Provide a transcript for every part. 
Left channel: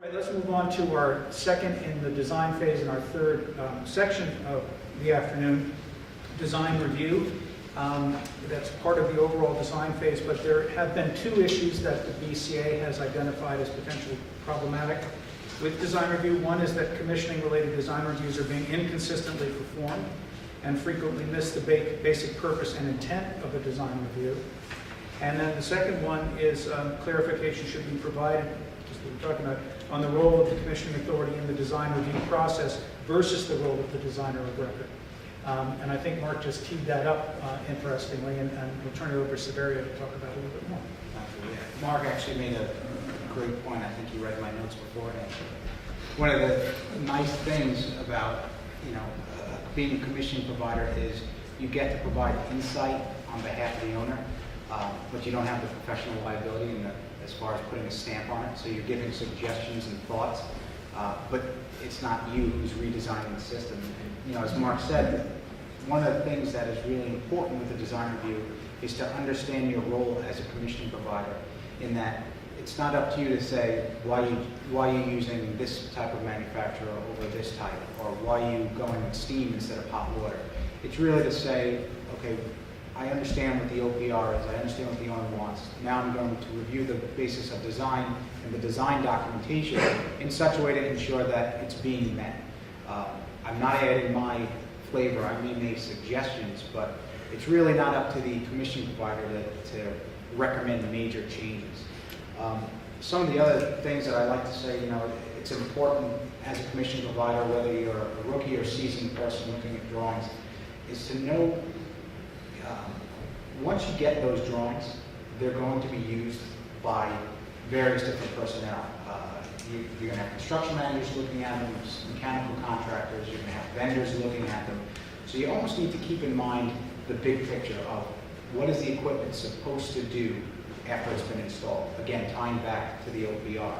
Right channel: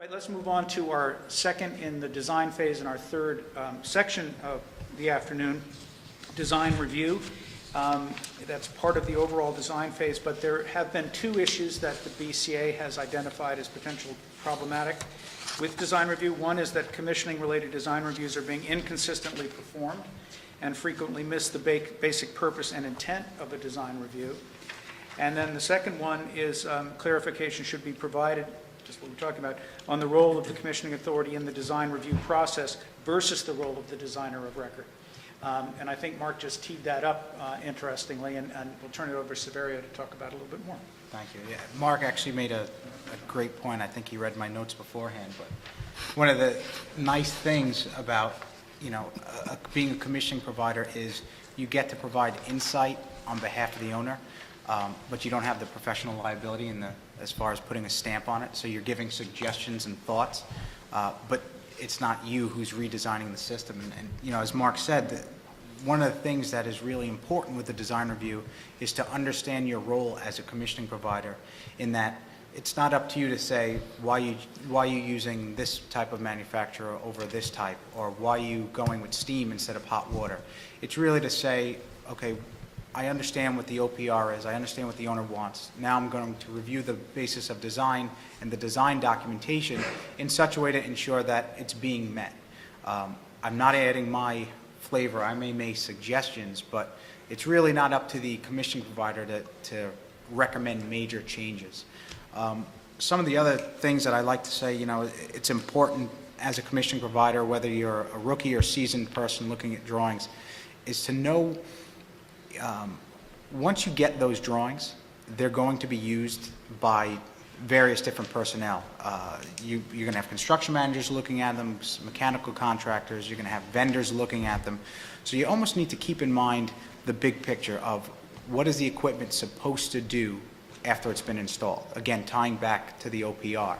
Right, let's move on to our second in the design phase and our third section of the afternoon, design review. That's part of the overall design phase, but there have been two issues that the BCA has identified as potentially problematic with design review. One is that commissioning-related design reviews are being inconsistently performed and frequently miss the basic purpose and intent of a design review. And then the second one is clarification should be provided, just what we're talking about, on the role of the commissioning authority in the design review process versus the role of the designer of record. And I think Mark just teed that up interestingly, and we'll turn it over to Severio to talk about it a little bit more. Thank you. Yeah. Mark actually made a great point. I think he read my notes beforehand. One of the nice things about being a commissioning provider is you get to provide insight on behalf of the owner, but you don't have the professional liability as far as putting a stamp on it. So you're giving suggestions and thoughts, but it's not you who's redesigning the system. And, as Mark said, one of the things that is really important with the design review is to understand your role as a commissioning provider, in that it's not up to you to say why you're using this type of manufacturer over this type, or why you going with steam instead of hot water. It's really to say, okay, I understand what the OPR is, I understand what the owner wants. Now I'm going to review the basis of design and the design documentation in such a way to ensure that it's being met. I'm not adding my flavor. I may make suggestions, but it's really not up to the commission provider to recommend major changes. Some of the other things that I like to say, it's important as a commission provider, whether you're a rookie or seasoned person looking at drawings, is to know once you get those drawings, they're going to be used by various different personnel. You're going to have construction managers looking at them, mechanical contractors, you're going to have vendors looking at them. So you almost need to keep in mind the big picture of what is the equipment supposed to do after it's been installed. Again, tying back to the OPR.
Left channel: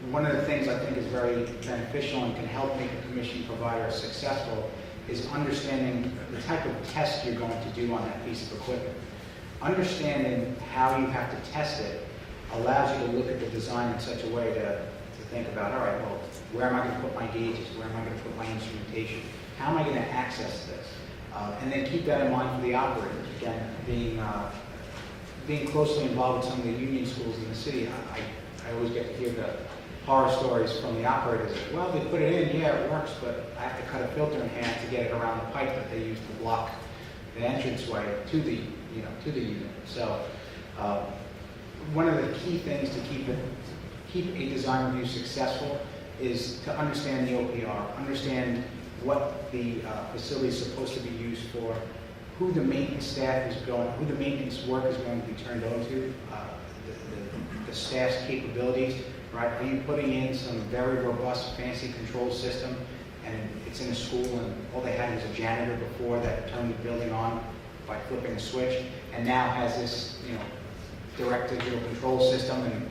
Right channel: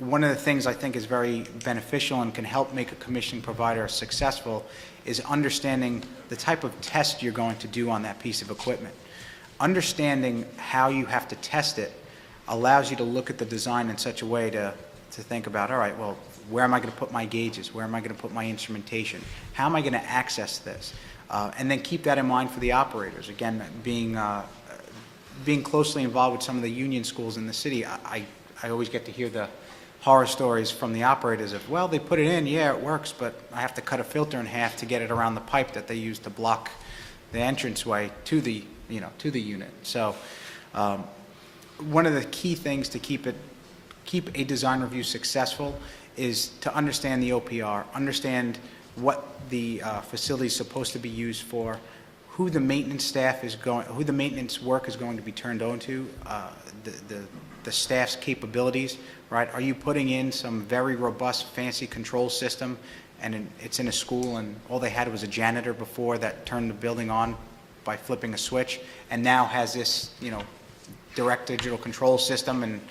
One of the things I think is very beneficial and can help make a commission provider successful is understanding the type of test you're going to do on that piece of equipment. Understanding how you have to test it allows you to look at the design in such a way to think about, all right, well, where am I going to put my gauges? Where am I going to put my instrumentation? How am I going to access this? And then keep that in mind for the operators. Again, being closely involved with some of the union schools in the city, I always get to hear the horror stories from the operators of, well, they put it in, yeah, it works, but I have to cut a filter in half to get it around the pipe that they use to block the entranceway to the unit. So one of the key things to keep a design review successful is to understand the OPR, understand what the facility is supposed to be used for, who the maintenance staff is going, who the maintenance work is going to be turned on to, the staff's capabilities, right? Are you putting in some very robust, fancy control system, and it's in a school, and all they had was a janitor before that turned the building on by flipping a switch, and now has this, direct digital control system, and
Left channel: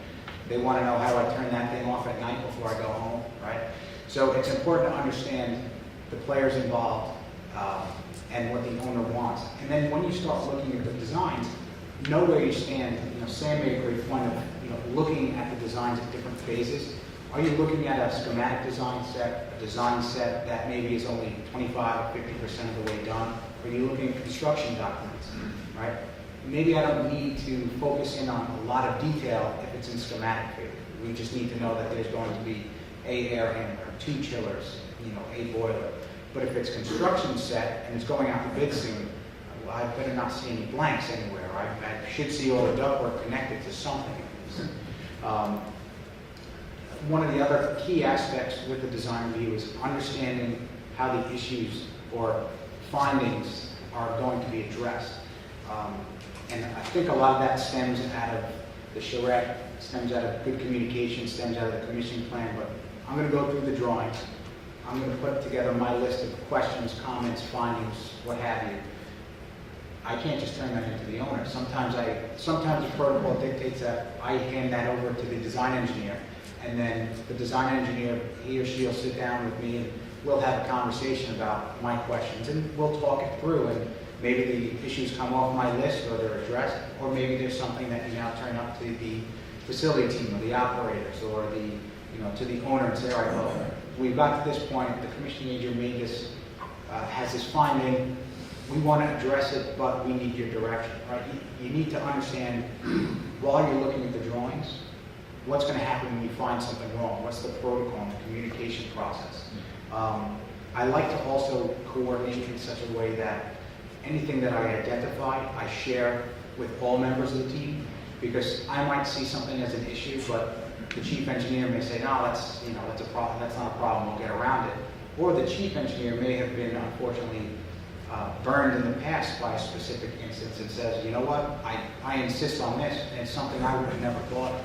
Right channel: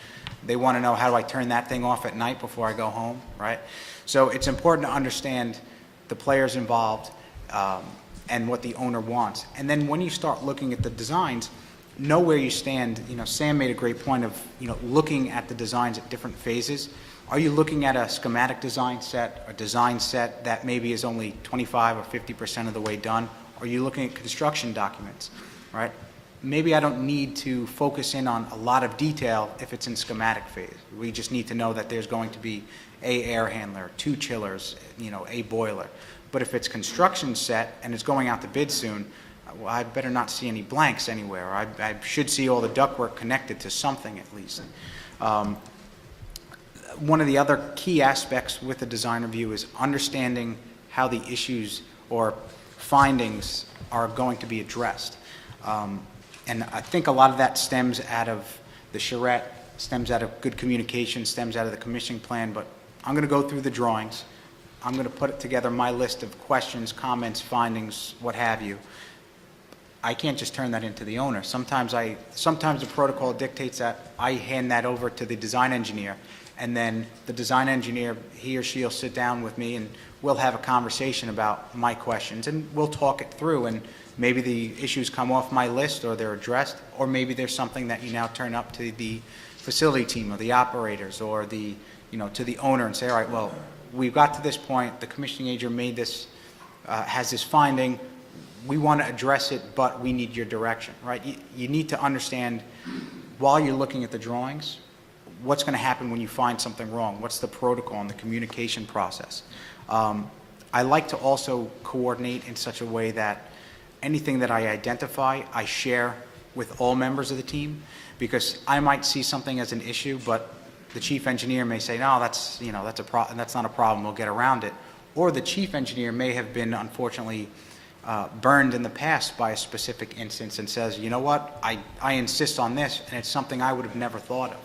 they want to know, how do I turn that thing off at night before I go home, right? So it's important to understand the players involved and what the owner wants. And then when you start looking at the designs, know where you stand. Sam made a great point of, looking at the designs at different phases. Are you looking at a schematic design set, a design set that maybe is only 25 or 50% of the way done? Or are you looking at construction documents, right? Maybe I don't need to focus in on a lot of detail if it's in schematic phase. We just need to know that there's going to be a air handler, 2 chillers, a boiler. But if it's construction set and it's going out to bid soon, well, I better not see any blanks anywhere. I should see all the ductwork connected to something at least. One of the other key aspects with the design review is understanding how the issues or findings are going to be addressed. And I think a lot of that stems out of the charrette, stems out of good communication, stems out of the commissioning plan, but I'm going to go through the drawings. I'm going to put together my list of questions, comments, findings, what have you. I can't just turn that into the owner. Sometimes the protocol dictates that I hand that over to the design engineer, and then the design engineer, he or she will sit down with me and we'll have a conversation about my questions, and we'll talk it through, and maybe the issues come off my list or they're addressed, or maybe there's something that you now turn up to the facility team or the operators or the to the owner and say, all right, well, we've got to this point, the commissioning agent made this, has this finding, we want to address it, but we need your direction, right? You need to understand, while you're looking at the drawings, what's going to happen when you find something wrong? What's the protocol and the communication process? I like to also coordinate in such a way that anything that I identify, I share with all members of the team, because I might see something as an issue, but the chief engineer may say, no, that's not a problem, we'll get around it. Or the chief engineer may have been, unfortunately, burned in the past by a specific instance and says, you know what, I insist on this, and it's something I would have never thought of.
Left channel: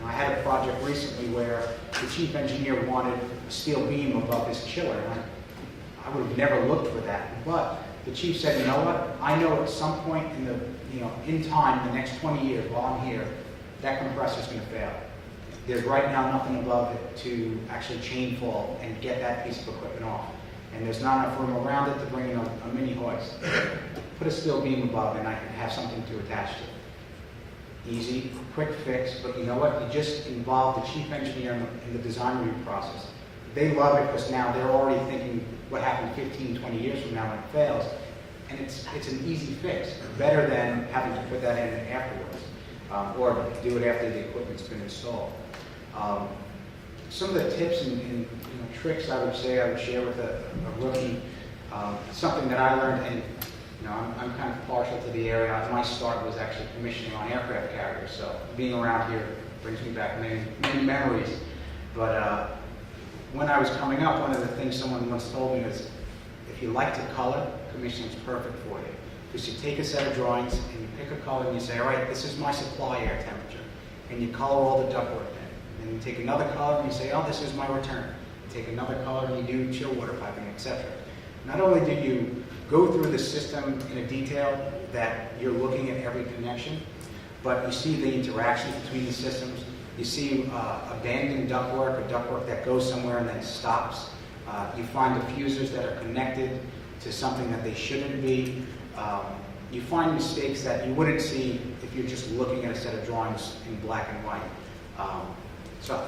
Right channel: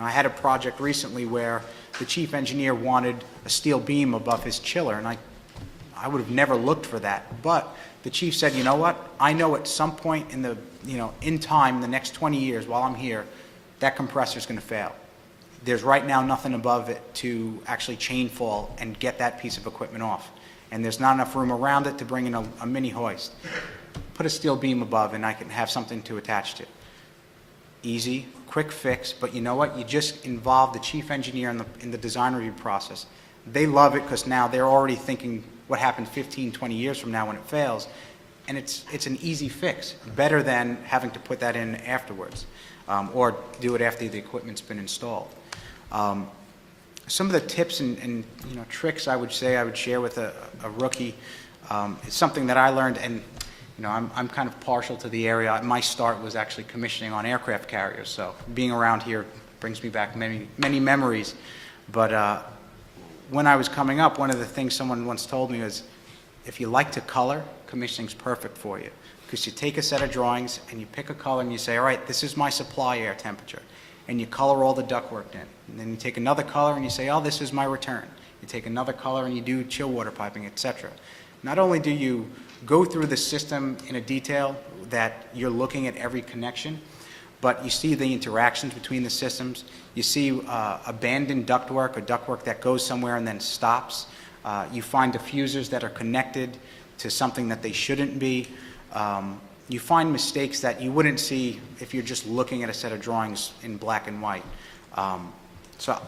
I had a project recently where the chief engineer wanted a steel beam above his chiller, and I would have never looked for that. But the chief said, you know what, I know at some point in time, the next 20 years while I'm here, that compressor is going to fail. There's right now nothing above it to actually chain fall and get that piece of equipment off. And there's not enough room around it to bring in a mini hoist. Put a steel beam above and I can have something to attach to. Easy, quick fix, but you know what? You just involve the chief engineer in the design review process. They love it because now they're already thinking what happens 15, 20 years from now when it fails. And it's an easy fix, better than having to put that in afterwards or do it after the equipment's been installed. Some of the tips and tricks I would share with a rookie, something that I learned, and I'm kind of partial to the area. My start was actually commissioning on aircraft carriers, so being around here brings me back many memories. But when I was coming up, one of the things someone once told me was, if you like to color, commissioning's perfect for you. Because you take a set of drawings and you pick a color and you say, all right, this is my supply air temperature. And you color all the ductwork in it. And then you take another color and you say, oh, this is my return. You take another color and you do chill water piping, etc. Not only do you go through the system in a detail that you're looking at every connection, but you see the interactions between the systems. You see abandoned ductwork, or ductwork that goes somewhere and then stops. You find diffusers that are connected to something that they shouldn't be. You find mistakes that you wouldn't see if you're just looking at a set of drawings in black and white. So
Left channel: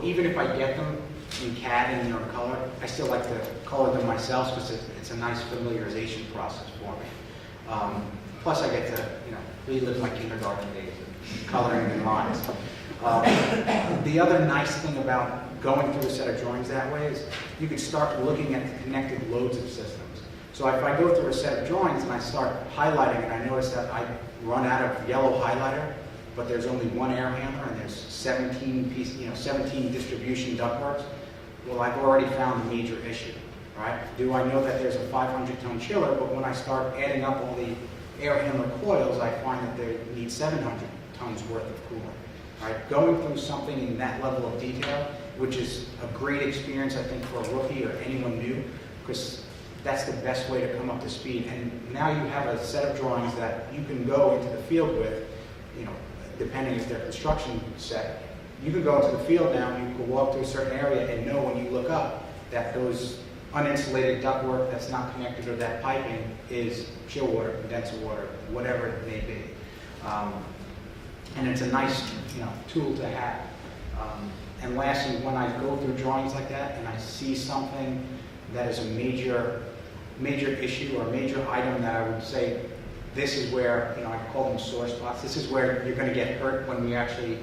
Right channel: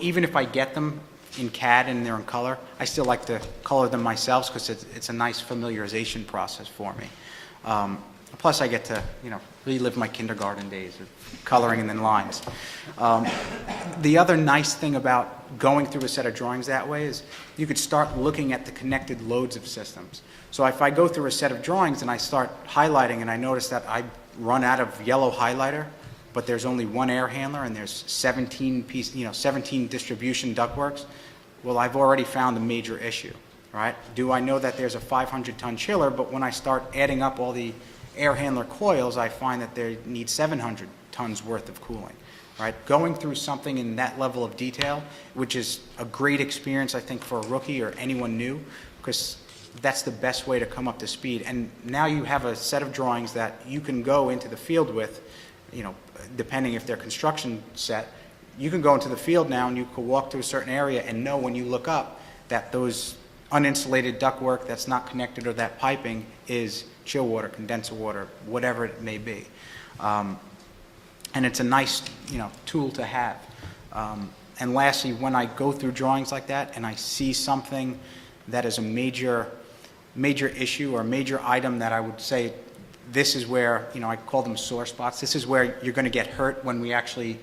even if I get them in CAD and they're in color, I still like to color them myself because it's a nice familiarization process for me. Plus I get to relive my kindergarten days of coloring in lines. The other nice thing about going through a set of drawings that way is you could start looking at the connected loads of systems. So if I go through a set of drawings and I start highlighting and I notice that I run out of yellow highlighter, but there's only one air handler and there's 17 distribution ductworks, well, I've already found a major issue, right? Do I know that there's a 500-ton chiller, but when I start adding up all the air handler coils, I find that they need 700 tons worth of cooling, right? Going through something in that level of detail, which is a great experience, I think, for a rookie or anyone new, because that's the best way to come up to speed. And now you have a set of drawings that you can go into the field with, depending if they're construction set. You can go into the field now and you can walk to a certain area and know when you look up that those uninsulated ductwork that's not connected or that piping is chill water, condenser water, whatever it may be. And it's a nice tool to have. And lastly, when I go through drawings like that and I see something that is a major issue or a major item that I would say, this is where, I call them sore spots, this is where you're going to get hurt when we actually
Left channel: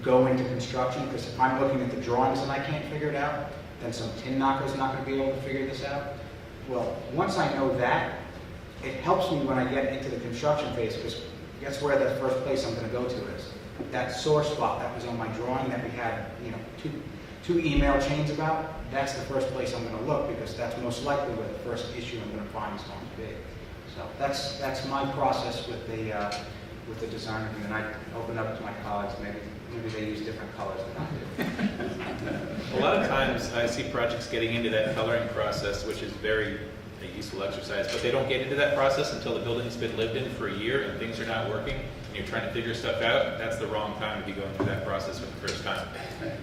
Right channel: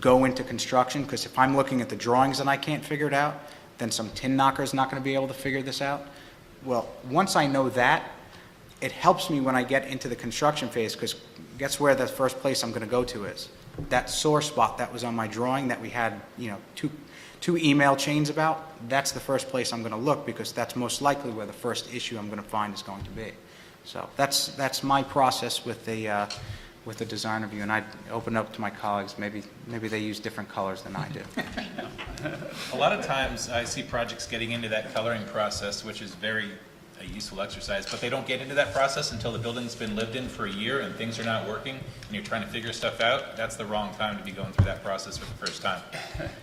go into construction, because if I'm looking at the drawings and I can't figure it out, then some tin knocker's not going to be able to figure this out. Well, once I know that, it helps me when I get into the construction phase, because guess where the first place I'm going to go to is? That sore spot that was on my drawing that we had, two email chains about, that's the first place I'm going to look, because that's most likely where the first issue I'm going to find is going to be. So that's my process with the design review, and I open up to my colleagues. Maybe they use different colors than I do. A lot of times I see projects getting into that coloring process, which is very a useful exercise, but they don't get into that process until the building's been lived in for a year and things are not working and you're trying to figure stuff out. That's the wrong time to be going through that process for the first time.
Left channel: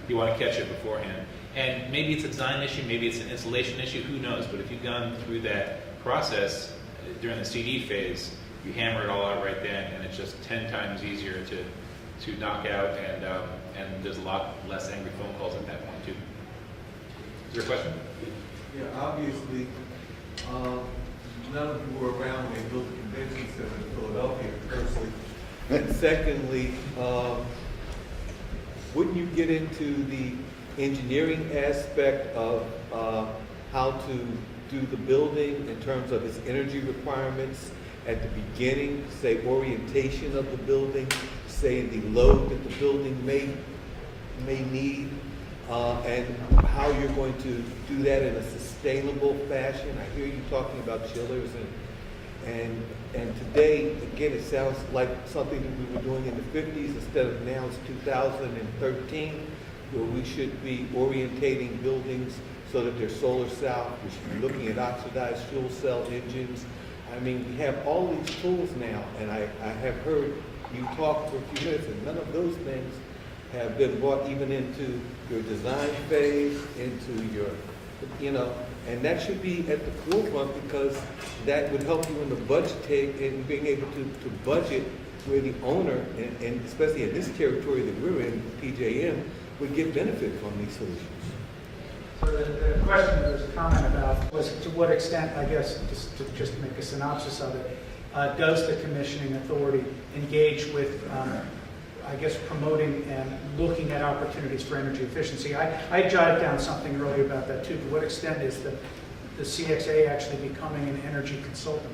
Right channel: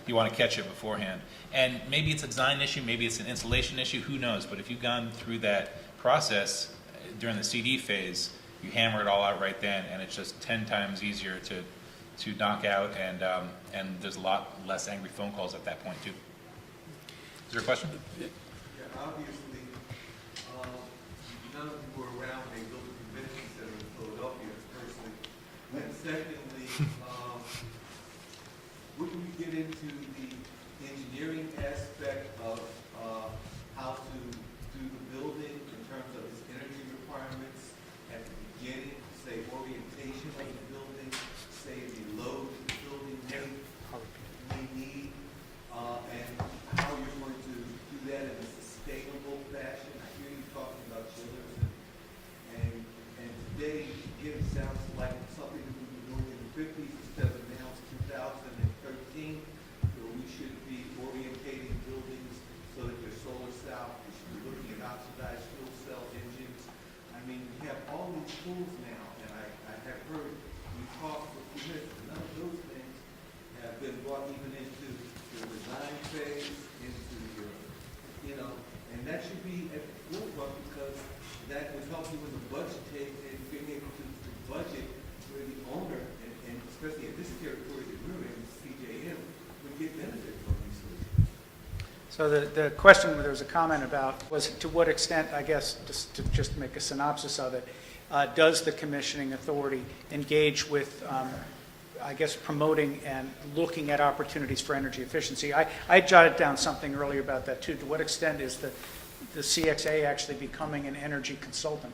You want to catch it beforehand. And maybe it's a design issue, maybe it's an installation issue, who knows, but if you've gone through that process during the CD phase, you hammer it all out right then, and it's just 10 times easier to knock out, and there's a lot less angry phone calls at that point too. Is there a question? Yeah, obviously, none of you were around when they built the convention center in Philadelphia, firstly. And secondly, wouldn't you get into the engineering aspect of how to do the building in terms of its energy requirements at the beginning, say orientation of the building, say the load that the building may need, and how you're going to do that in a sustainable fashion? I hear you talking about chillers and today, again, it sounds like something that we were doing in the 50s instead of now it's 2013, where we should be orientating buildings so that they're solar cell. We should be looking at oxidized fuel cell engines. I mean, we have all these tools now, and I have heard you talk for a few minutes, and none of those things have been brought even into your design phase, into your, and that should be at the forefront because that would help you in the budgeting and being able to budget where the owner, and especially in this territory that we're in, PJM, would get benefit from these solutions. So the question, there's a comment about, was to what extent, I guess, just to make a synopsis of it, does the commissioning authority engage with, I guess, promoting and looking at opportunities for energy efficiency? I jotted down something earlier about that too. To what extent is the CXA actually becoming an energy consultant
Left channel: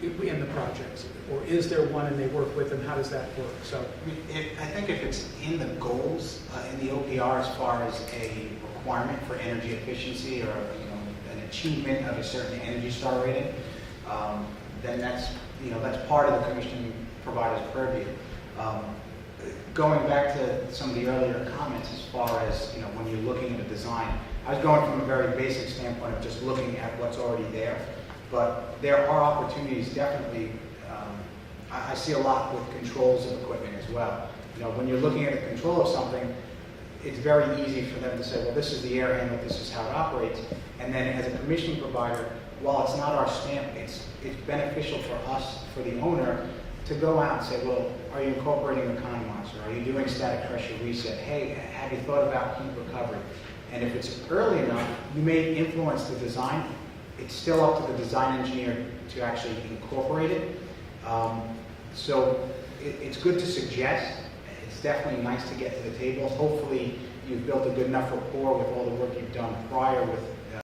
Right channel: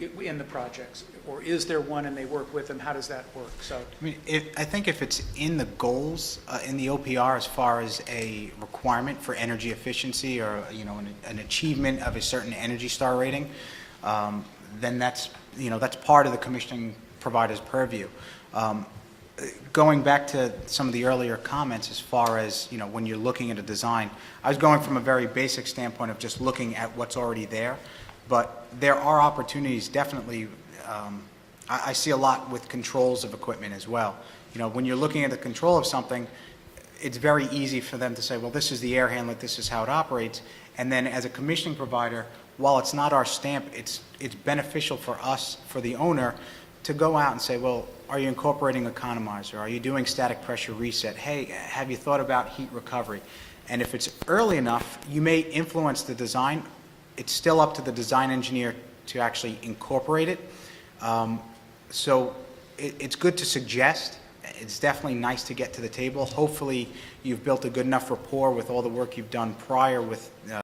in the projects? Or is there one and they work with, and how does that work? So, I mean, I think if it's in the goals, in the OPR, as far as a requirement for energy efficiency or, an achievement of a certain Energy Star rating, then that's part of the commissioning provider's purview. Going back to some of the earlier comments as far as, when you're looking at a design, I was going from a very basic standpoint of just looking at what's already there, but there are opportunities definitely. I see a lot with controls of equipment as well. When you're looking at the control of something, it's very easy for them to say, well, this is the air handler, this is how it operates, and then as a commissioning provider, while it's not our stamp, it's beneficial for us, for the owner, to go out and say, well, are you incorporating economizer? Are you doing static pressure reset? Hey, have you thought about heat recovery? And if it's early enough, you may influence the design. It's still up to the design engineer to actually incorporate it. So it's good to suggest. It's definitely nice to get to the table. Hopefully, you've built a good enough rapport with all the work you've done prior with